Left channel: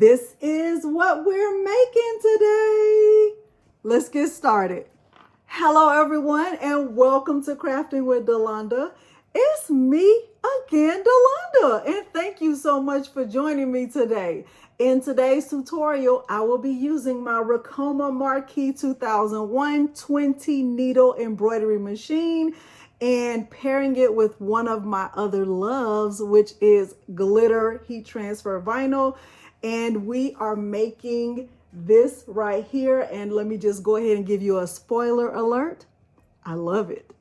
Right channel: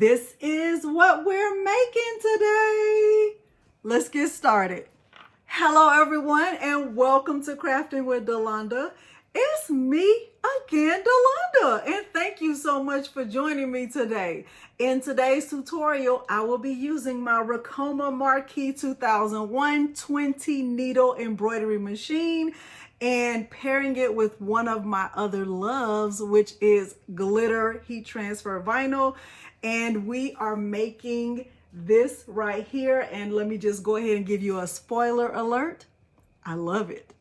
This is what we're making today. Let's get started. Hello everyone and welcome to Crafting with Delonda. It's me again, Delonda, and thank you so much for joining me today. In today's tutorial, I will be using my Ricoma Marquee 2001 20 needle embroidery machine and pairing it with one of my other loves, which is glitter heat transfer vinyl. And we are making this right here. And let me just go ahead and give you a spoiler alert. I love it.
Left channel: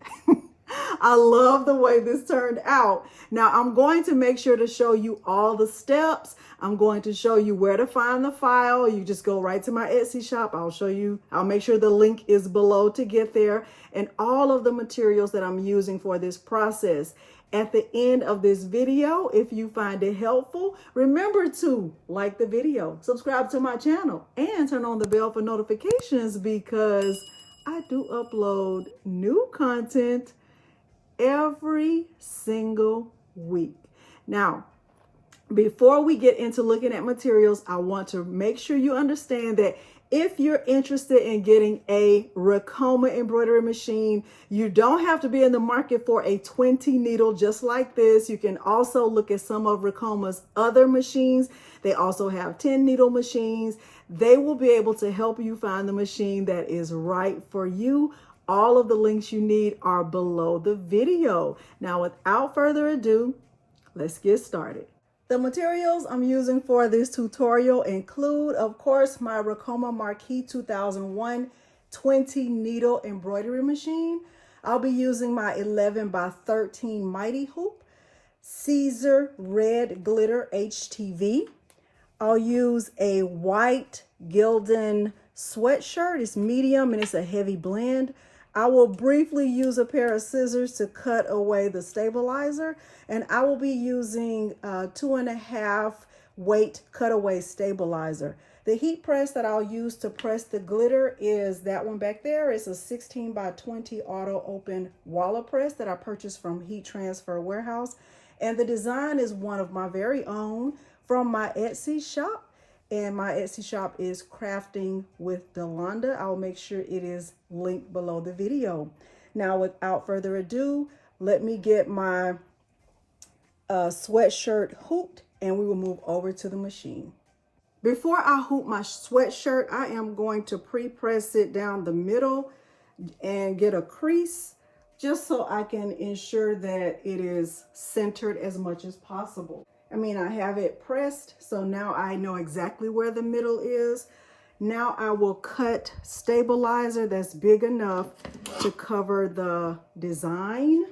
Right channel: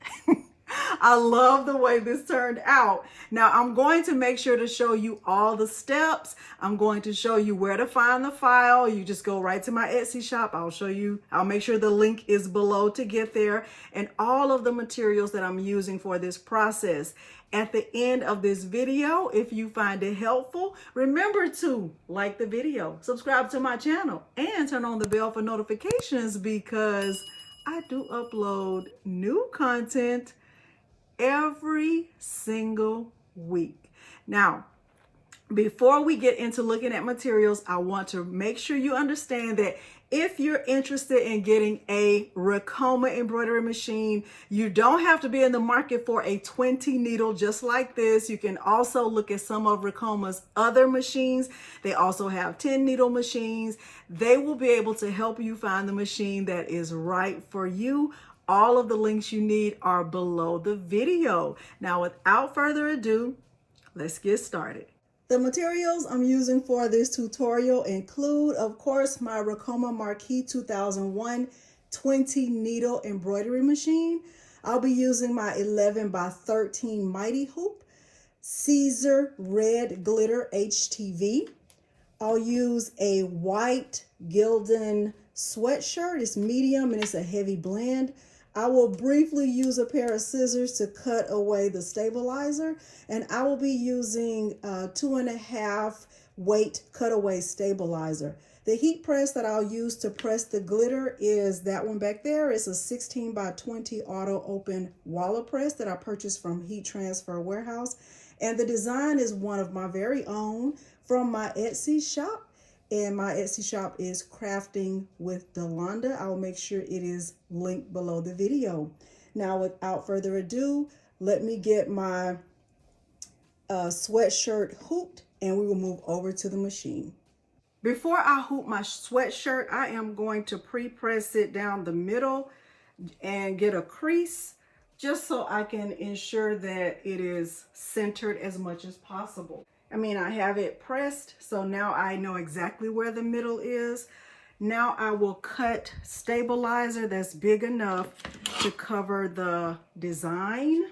I love the way this turned out. Now I'm going to make sure to show you all the steps. I'm going to show you where to find the file. You just go right to my Etsy shop. I'll make sure the link is below to get there, and all of the materials that I'm using for this process. At the end of this video, if you find it helpful, remember to like the video, subscribe to my channel, and turn on the bell for notifications because I do upload new content every single week. Now, before we get into looking at materials, I want to make sure you understand that if you're interested in getting a Ricoma embroidery machine, you don't have to be in the market for a 20 needle just like this. You can also look at some of Ricoma's other machines. They also have 10 needle machines. They will be able to help you find the machine that is right for you. All of the links you need are below the video. Now, without further ado, let's get started. The materials I'm using for this tutorial include, of course, my Ricoma Marquee 2001 20 needle embroidery machine. I'll be using my 11 by 13 mighty hoop, Siser red glitter HTV. I'll use a white Gildan sweatshirt. It's medium and it's a heavy blend. I will briefly use a pair of scissors to cut away the stabilizer, and I will be using 2.5 weight cutaway stabilizer. The heat press that I'll use to press the glitter is that one back there. It's a 16 by 20 auto open wallet press that I purchased from Heat Transfer Warehouse, and the design is one of my very own from my Etsy shop. And my Etsy shop is Crafting with Delonda. I'll make sure it is linked below the video. Now, without further ado, let me get my sweatshirt hooped and we will move over to the machine. Before I hoop my sweatshirt, I am going to pre-press it down the middle and get a crease just so I can ensure that it is centered as much as possible. I have it pressed, so now I know exactly where the middle is. Now I will cut stabilizer that's big enough to cover the design.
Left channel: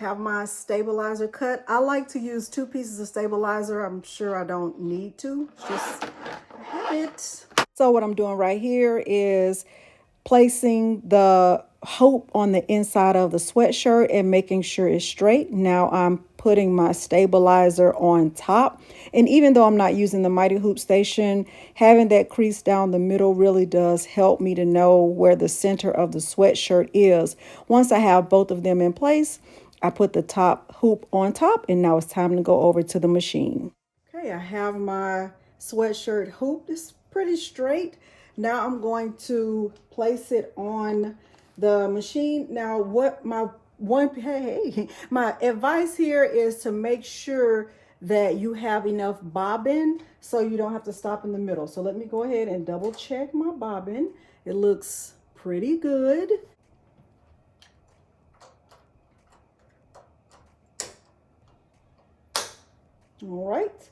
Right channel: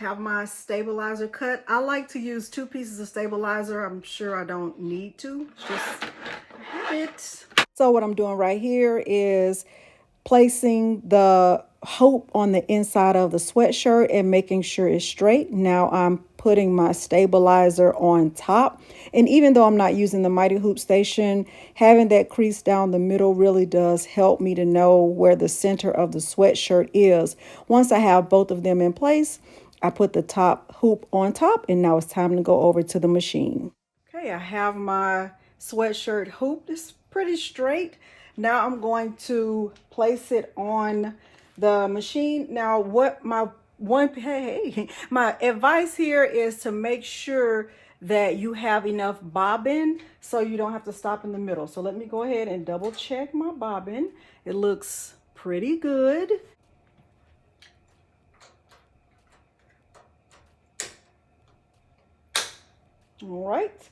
Have my stabilizer cut. I like to use 2 pieces of stabilizer. I'm sure I don't need to, just have it. So what I'm doing right here is placing the hoop on the inside of the sweatshirt and making sure it's straight. Now I'm putting my stabilizer on top. And even though I'm not using the mighty hoop station, having that crease down the middle really does help me to know where the center of the sweatshirt is. Once I have both of them in place, I put the top hoop on top, and now it's time to go over to the machine. Okay, I have my sweatshirt hoop. It's pretty straight. Now I'm going to place it on the machine. Now my advice here is to make sure that you have enough bobbin so you don't have to stop in the middle. So let me go ahead and double check my bobbin. It looks pretty good. All right,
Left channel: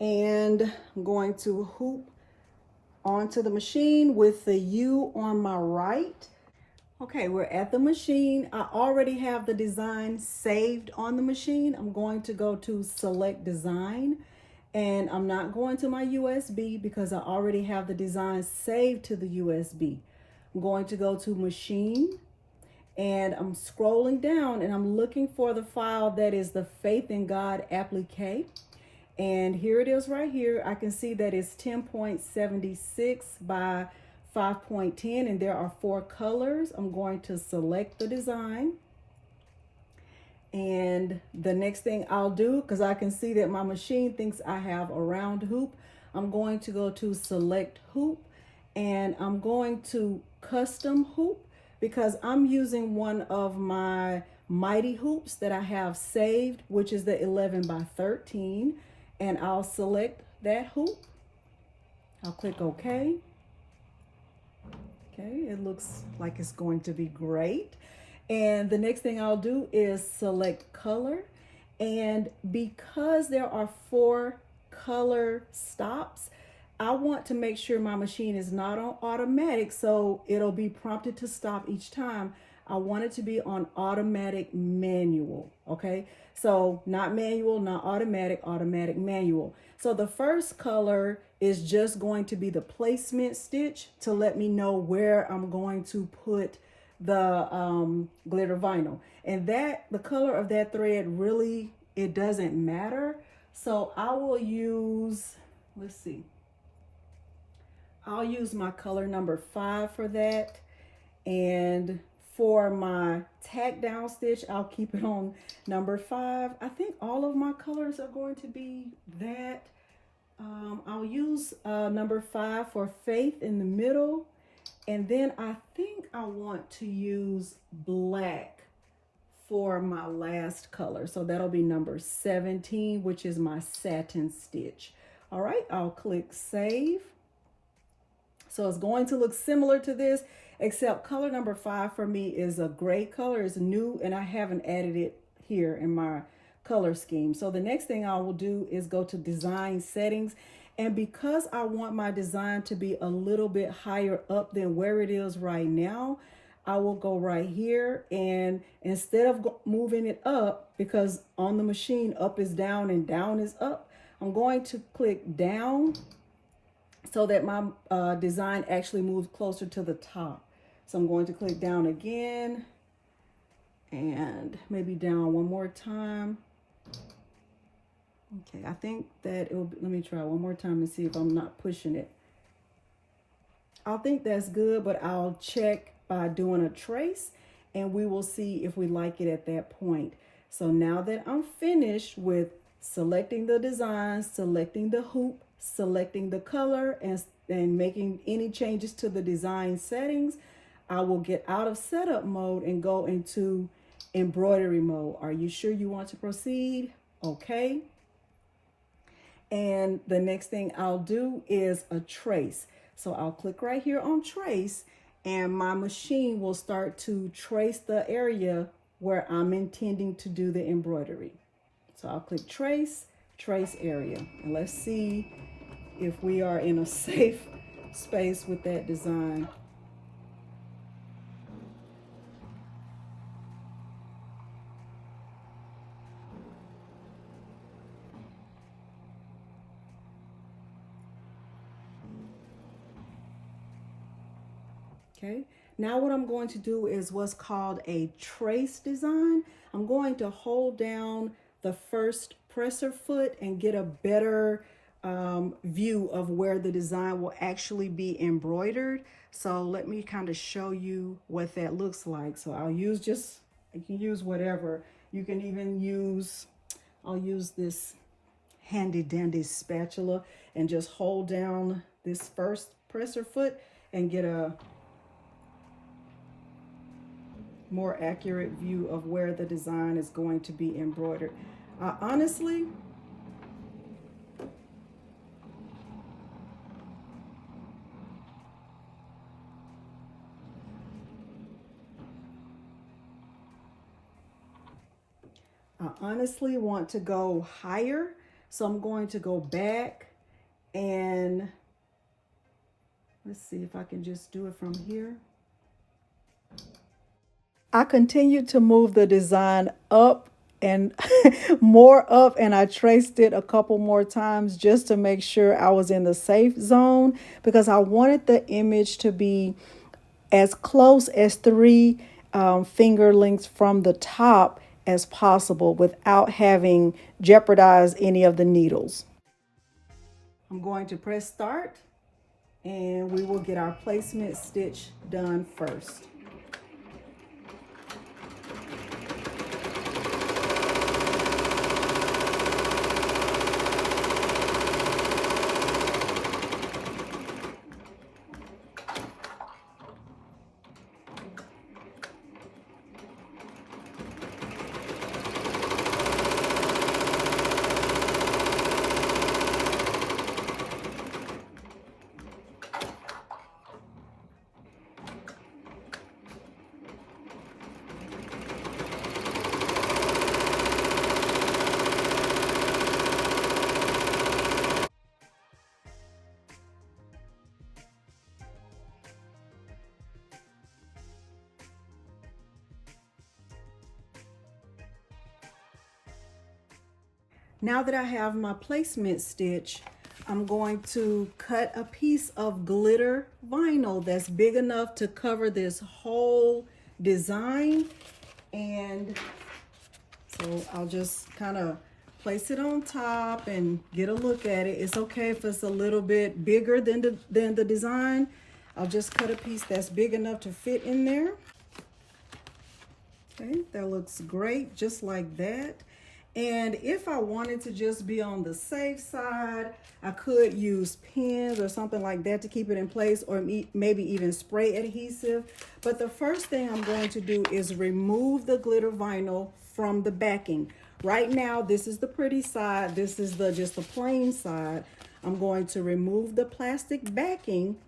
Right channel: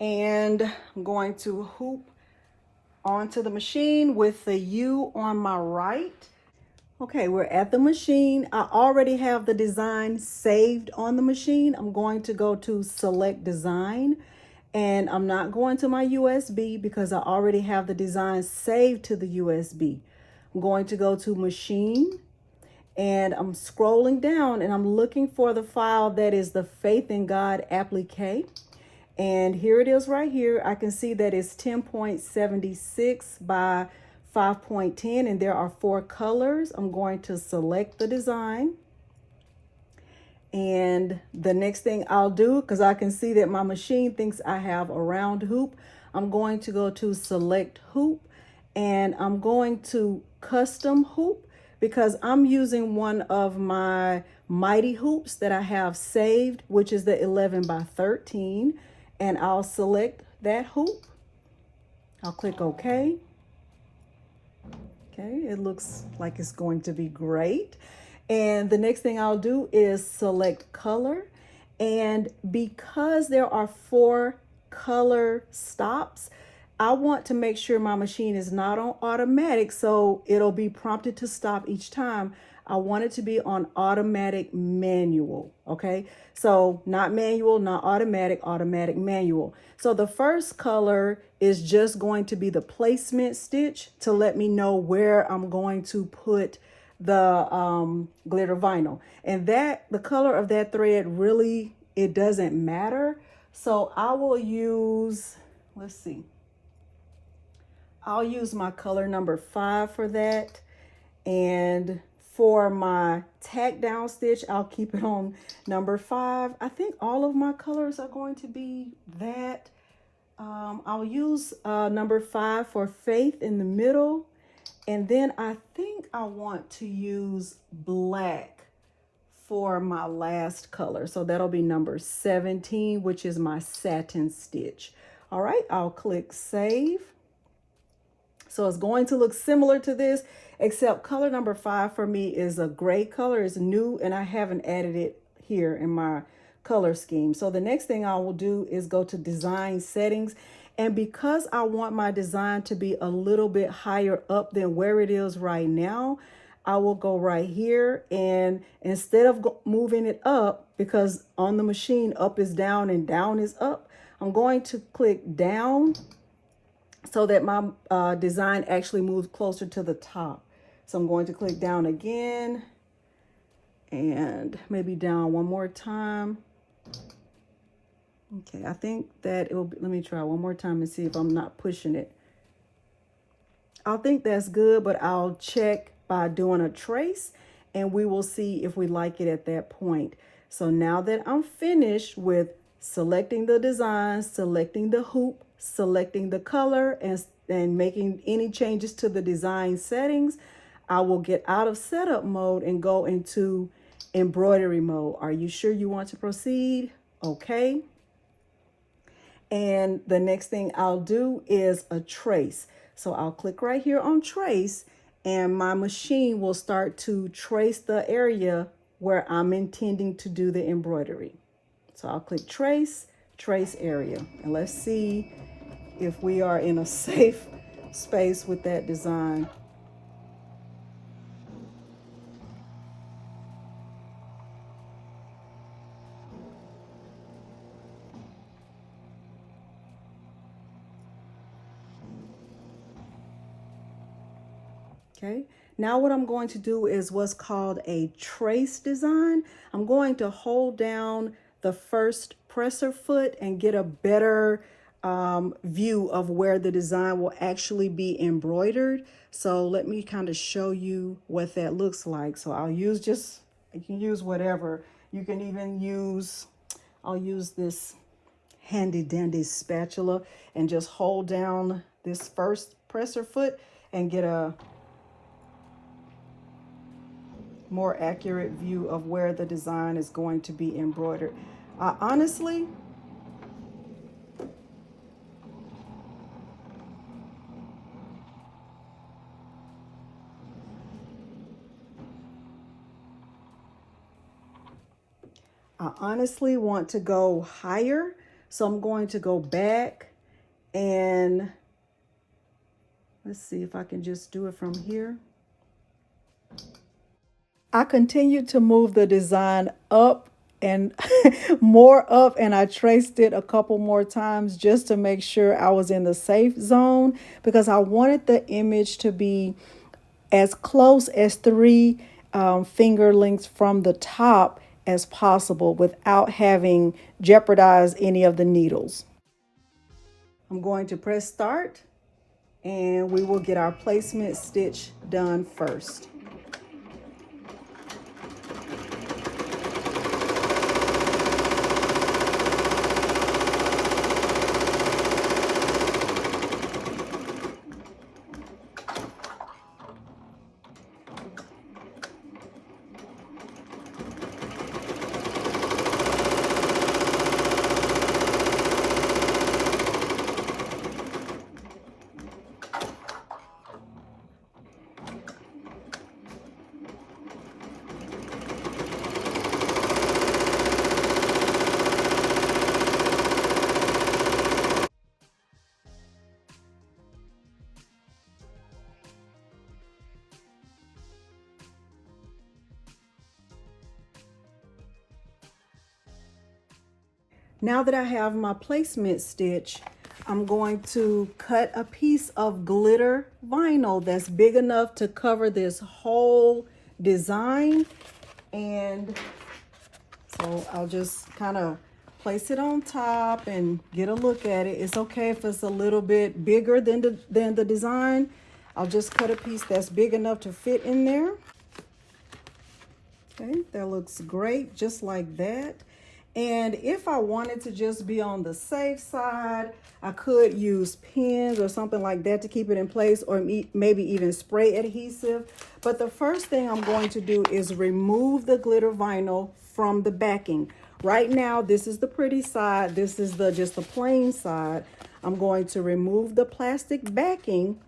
and I'm going to hoop onto the machine with the U on my right. Okay, we're at the machine. I already have the design saved on the machine. I'm going to go to select design, and I'm not going to my USB because I already have the design saved to the USB. I'm going to go to machine, and I'm scrolling down and I'm looking for the file that is the Faith in God applique. And here it is right here. I can see that it's 10.76 by 5.10, and there are 4 colors. I'm going to select the design, And the next thing I'll do, because I can see that my machine thinks I have a round hoop, I'm going to go to select hoop, and I'm going to custom hoop, because I'm using one of my mighty hoops that I have saved, which is the 11 by 13. And I'll select that hoop. I'll click OK. Okay, it looks like it's going to be great. And the next thing I'll do is select color. And because there are 4 color stops, I want to make sure my machine is not on automatic, so it'll be prompted to stop each time. I want it to be on automatic manual, okay? So not manual, not automatic, automatic manual. So the first color is just going to be the placement stitch to let me know where I'm going to put the glitter vinyl. And that the color of that thread really, it doesn't matter. So I will use, let's see, I'll use my color number 5 for that. And for my tack down stitch, I'll keep it on number 5. I think all of my colors are going to be that. I'll use number 5 for Faith in the middle. And then I think I want to use black for my last color. So that'll be number 17, which is my satin stitch. All right, I'll click save. So it's going to look similar to this, except color number 5 for me is a gray color. It's new, and I haven't added it here in my color scheme. So the next thing I will do is go to design settings. And because I want my design to be a little bit higher up than where it is right now, I will go right here, and instead of moving it up, because on the machine up is down and down is up, I'm going to click down so that my design actually moves closer to the top. So I'm going to click down again and maybe down one more time. Okay, I think that it will be, let me try one more time and see if I'm not pushing it. I think that's good, but I'll check by doing a trace, and we will see if we like it at that point. So now that I'm finished with selecting the design, selecting the hoop, selecting the color, and making any changes to the design settings, I will get out of setup mode and go into embroidery mode. Are you sure you want to proceed? Okay. And the next thing I'll do is a trace. So I'll click right here on trace, and my machine will start to trace the area where I'm intending to do the embroidery. So I'll click trace, trace area, and let's see if we are in a safe space with that design. Okay, now what I'm going to do is what's called a trace design. I'm going to hold down the first presser foot and get a better view of where the design will actually be embroidered. So let me kind of show you what that looks like. So I'll use just, you can use whatever. You can even use, I'll use this handy dandy spatula and just hold down this first presser foot and get a more accurate view of where the design is going to be embroidered. Honestly, want to go higher, so I'm going to go back and let's see if I can just do it from here. I continued to move the design up and more up, and I traced it a couple more times just to make sure I was in the safe zone, because I wanted the image to be as close as 3 finger lengths from the top as possible without having jeopardized any of the needles. I'm going to press start, and we will get our placement stitch done first. Now that I have my placement stitch, I'm going to cut a piece of glitter vinyl that's big enough to cover this whole design. And so I'll just kind of place it on top and get a look at it. It's okay if it's a little bit bigger than the design. I'll just cut a piece that's big enough to fit in there. Okay, that looks great, just like that. And if I wanted to just be on the safe side, I could use pins or something like that to keep it in place, or maybe even spray adhesive. But the first thing I'm going to do is remove the glitter vinyl from the backing. Right now, this is the pretty side. This is just the plain side. I'm going to remove the plastic backing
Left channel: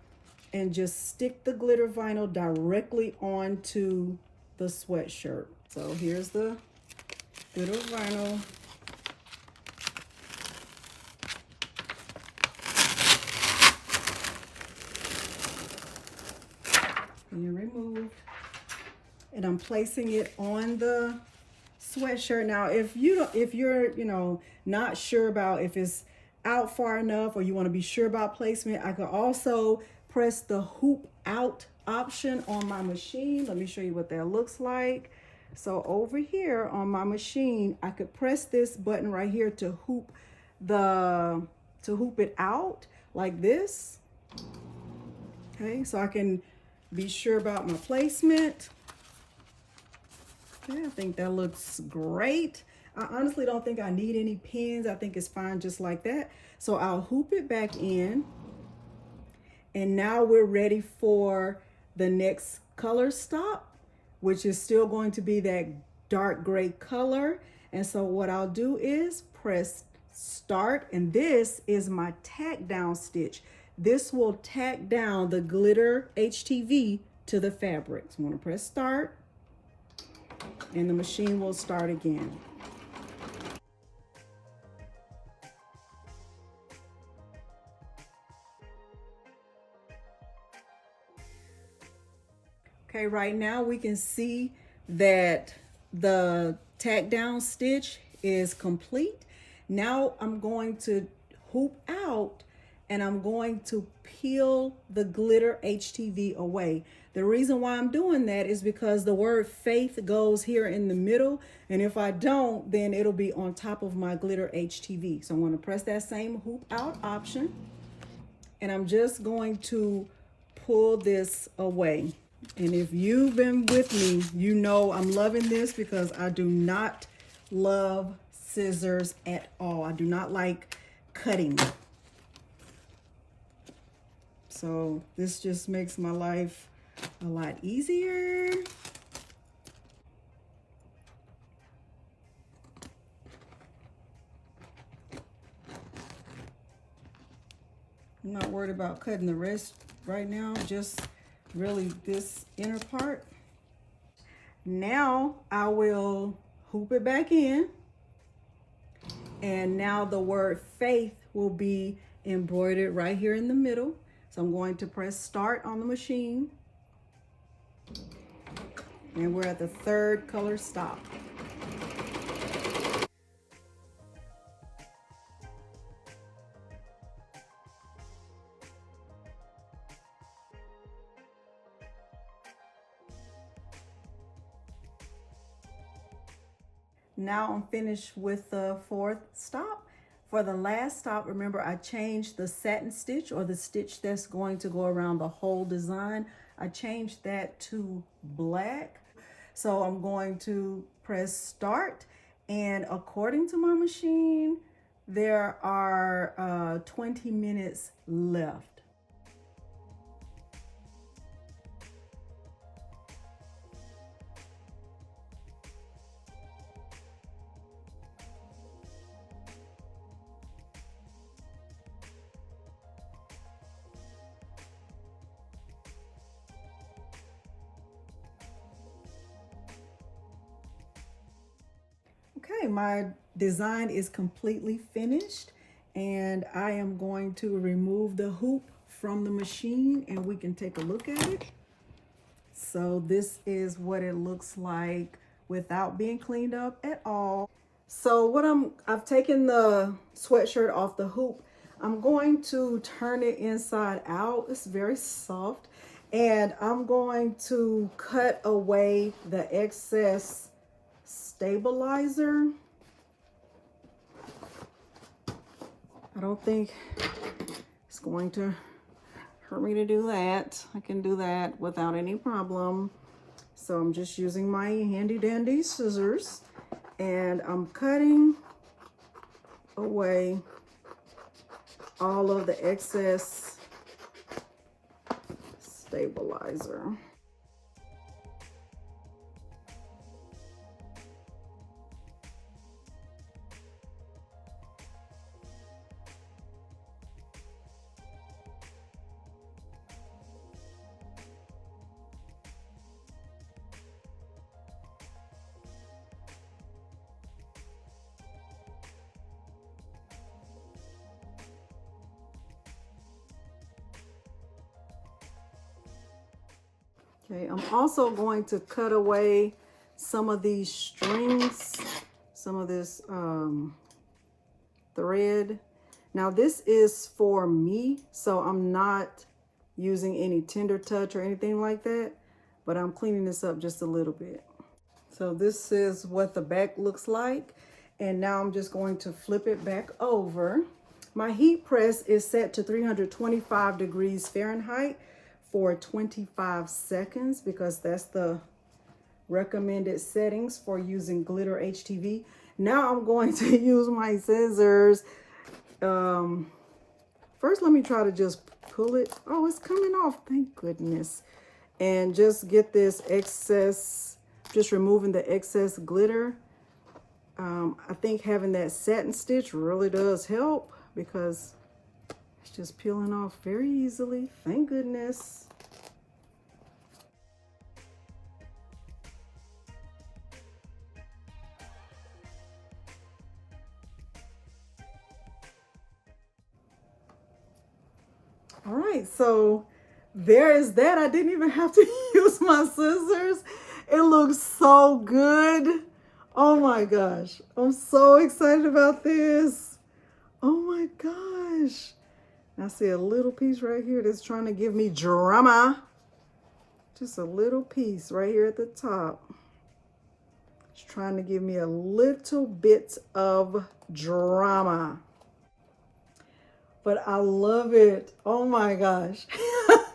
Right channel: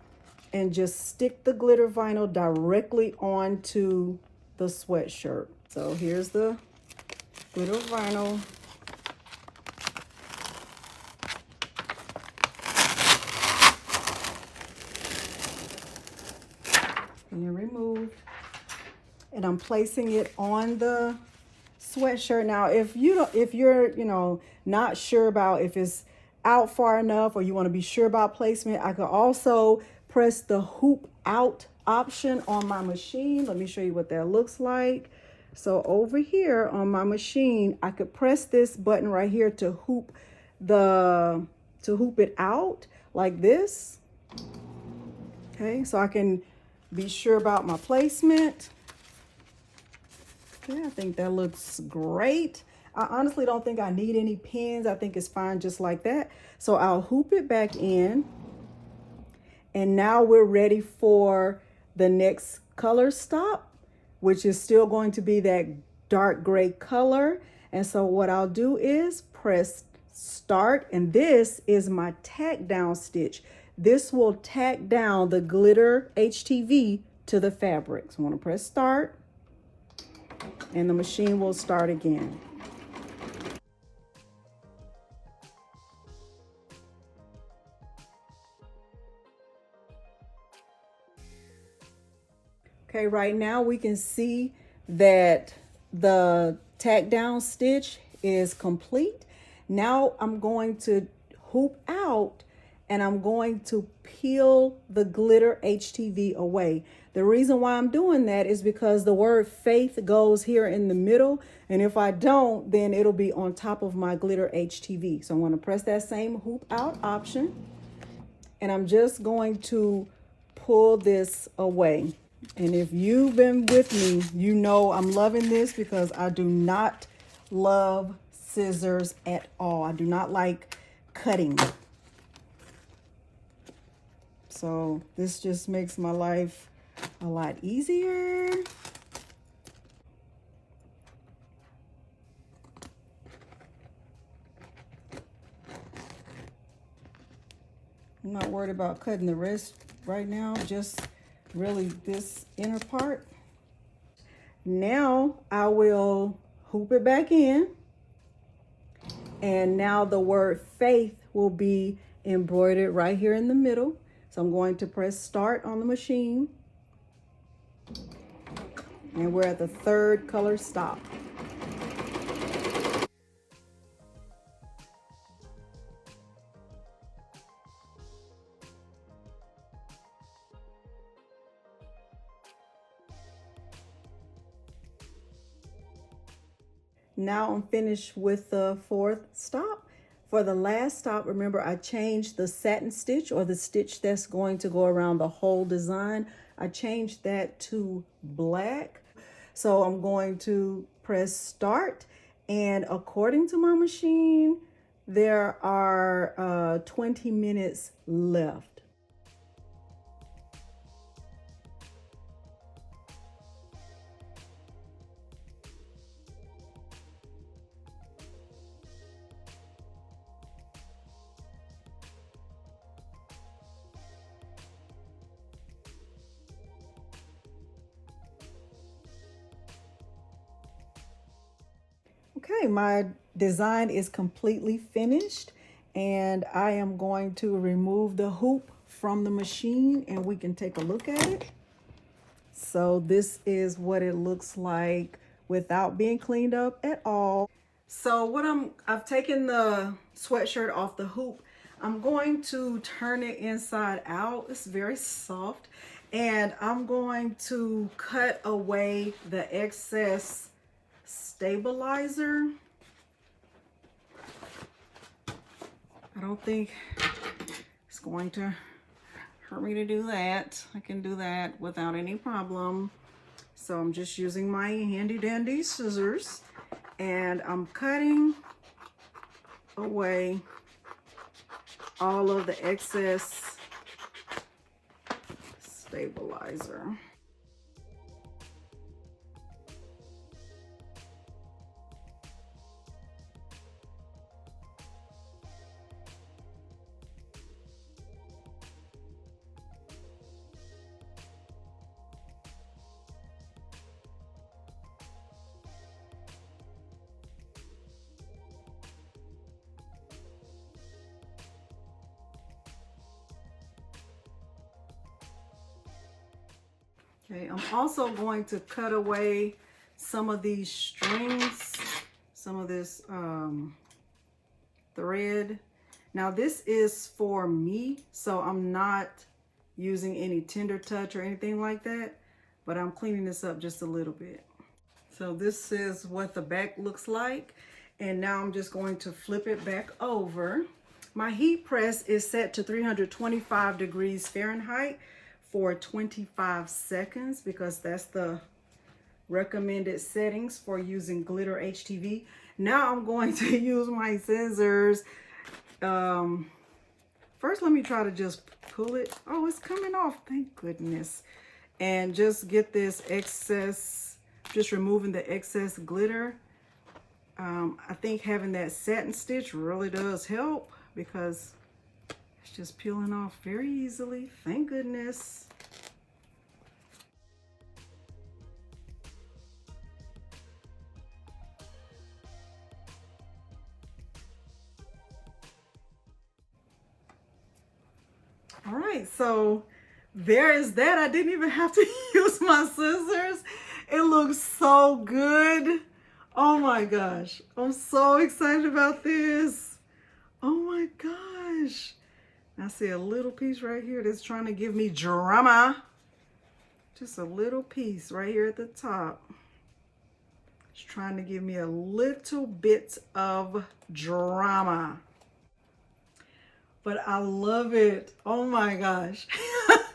and just stick the glitter vinyl directly onto the sweatshirt. So here's the glitter vinyl. Being removed. And I'm placing it on the sweatshirt. Now, if you're not sure about if it's out far enough, or you want to be sure about placement, I could also press the hoop out option on my machine. Let me show you what that looks like. So over here on my machine, I could press this button right here to hoop it out like this. Okay, so I can be sure about my placement. Okay, I think that looks great. I honestly don't think I need any pins. I think it's fine just like that. So I'll hoop it back in. And now we're ready for the next color stop, which is still going to be that dark gray color. And so what I'll do is press start, and this is my tack down stitch. This will tack down the glitter HTV to the fabric. So I'm going to press start, and the machine will start again. Okay, right now we can see that the tack down stitch is complete. Now I'm going to hoop out, and I'm going to peel the glitter HTV away. The reason why I'm doing that is because the word faith goes here in the middle, and if I don't, then it'll be on top of my glitter HTV. So I'm going to press that same hoop out option, and I'm just going to pull this away. And if you've been with me, you know I'm loving this because I do not love scissors at all. I do not like cutting. So this just makes my life a lot easier. I'm not worried about cutting the rest right now, just really this inner part. Now I will hoop it back in, and now the word faith will be embroidered right here in the middle. So I'm going to press start on the machine, and we're at the third color stop. Now I'm finished with the fourth stop. For the last stop, remember I changed the satin stitch, or the stitch that's going to go around the whole design. I changed that to black. So I'm going to press start, and according to my machine, there are 20 minutes left. Okay, my design is completely finished, and I am going to remove the hoop from the machine, and we can take a look at it. So this is what it looks like without being cleaned up at all. So I've taken the sweatshirt off the hoop. I'm going to turn it inside out. It's very soft. And I'm going to cut away the excess stabilizer. I don't think it's going to hurt me to do that. I can do that without any problem. So I'm just using my handy dandy scissors and I'm cutting away all of the excess stabilizer. Okay, I'm also going to cut away some of these strings, some of this thread. Now this is for me, so I'm not using any tender touch or anything like that, but I'm cleaning this up just a little bit. So this is what the back looks like. And now I'm just going to flip it back over. My heat press is set to 325 degrees Fahrenheit for 25 seconds because that's the recommended settings for using glitter HTV. Now I'm going to use my scissors. First, let me try to just pull it. Oh, it's coming off, thank goodness. And just get this excess, just removing the excess glitter. I think having that satin stitch really does help because it's just peeling off very easily. Thank goodness. All right, so there is that. I didn't even have to use my scissors. It looks so good. Oh my gosh, I'm so excited about this. Oh my gosh. I see a little piece right here that's trying to give me drama. Just a little piece right here at the top. It's trying to give me a little bit of drama. But I love it. Oh my gosh. I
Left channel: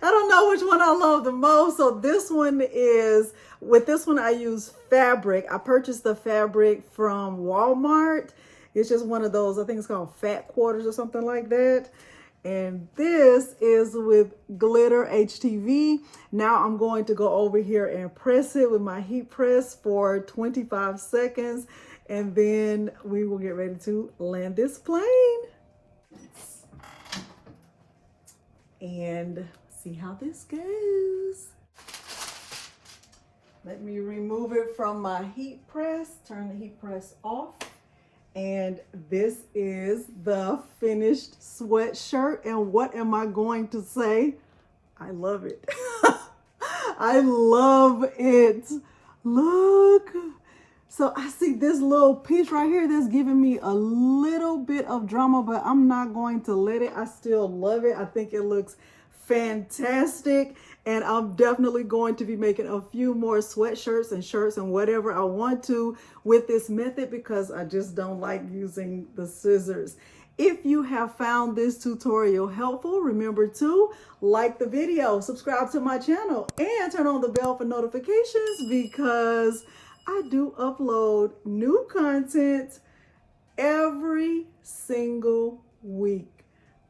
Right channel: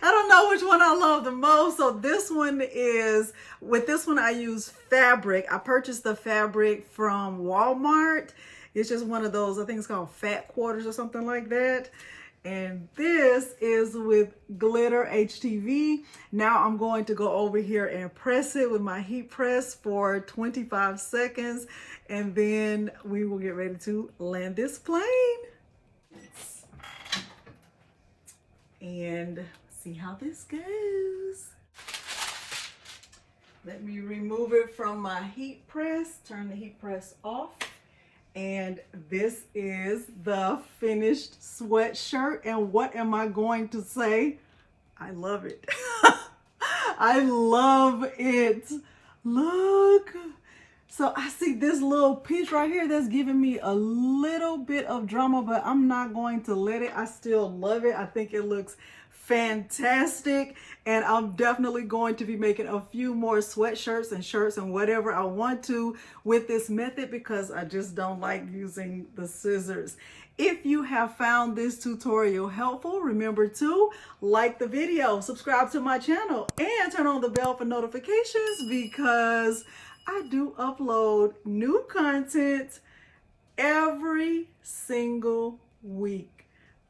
don't know which one I love the most. So this one is, with this one I use fabric. I purchased the fabric from Walmart. It's just one of those, I think it's called fat quarters or something like that. And this is with glitter HTV. Now I'm going to go over here and press it with my heat press for 25 seconds. And then we will get ready to land this plane. And see how this goes. Let me remove it from my heat press, turn the heat press off. And this is the finished sweatshirt. And what am I going to say? I love it. I love it. Look. So I see this little piece right here that's giving me a little bit of drama, but I'm not going to let it. I still love it. I think it looks fantastic. And I'm definitely going to be making a few more sweatshirts and shirts and whatever I want to with this method because I just don't like using the scissors. If you have found this tutorial helpful, remember to like the video, subscribe to my channel, and turn on the bell for notifications because I do upload new content every single week.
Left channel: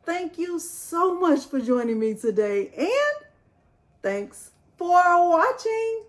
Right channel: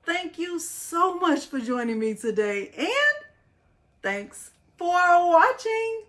Thank you so much for joining me today, and thanks for watching.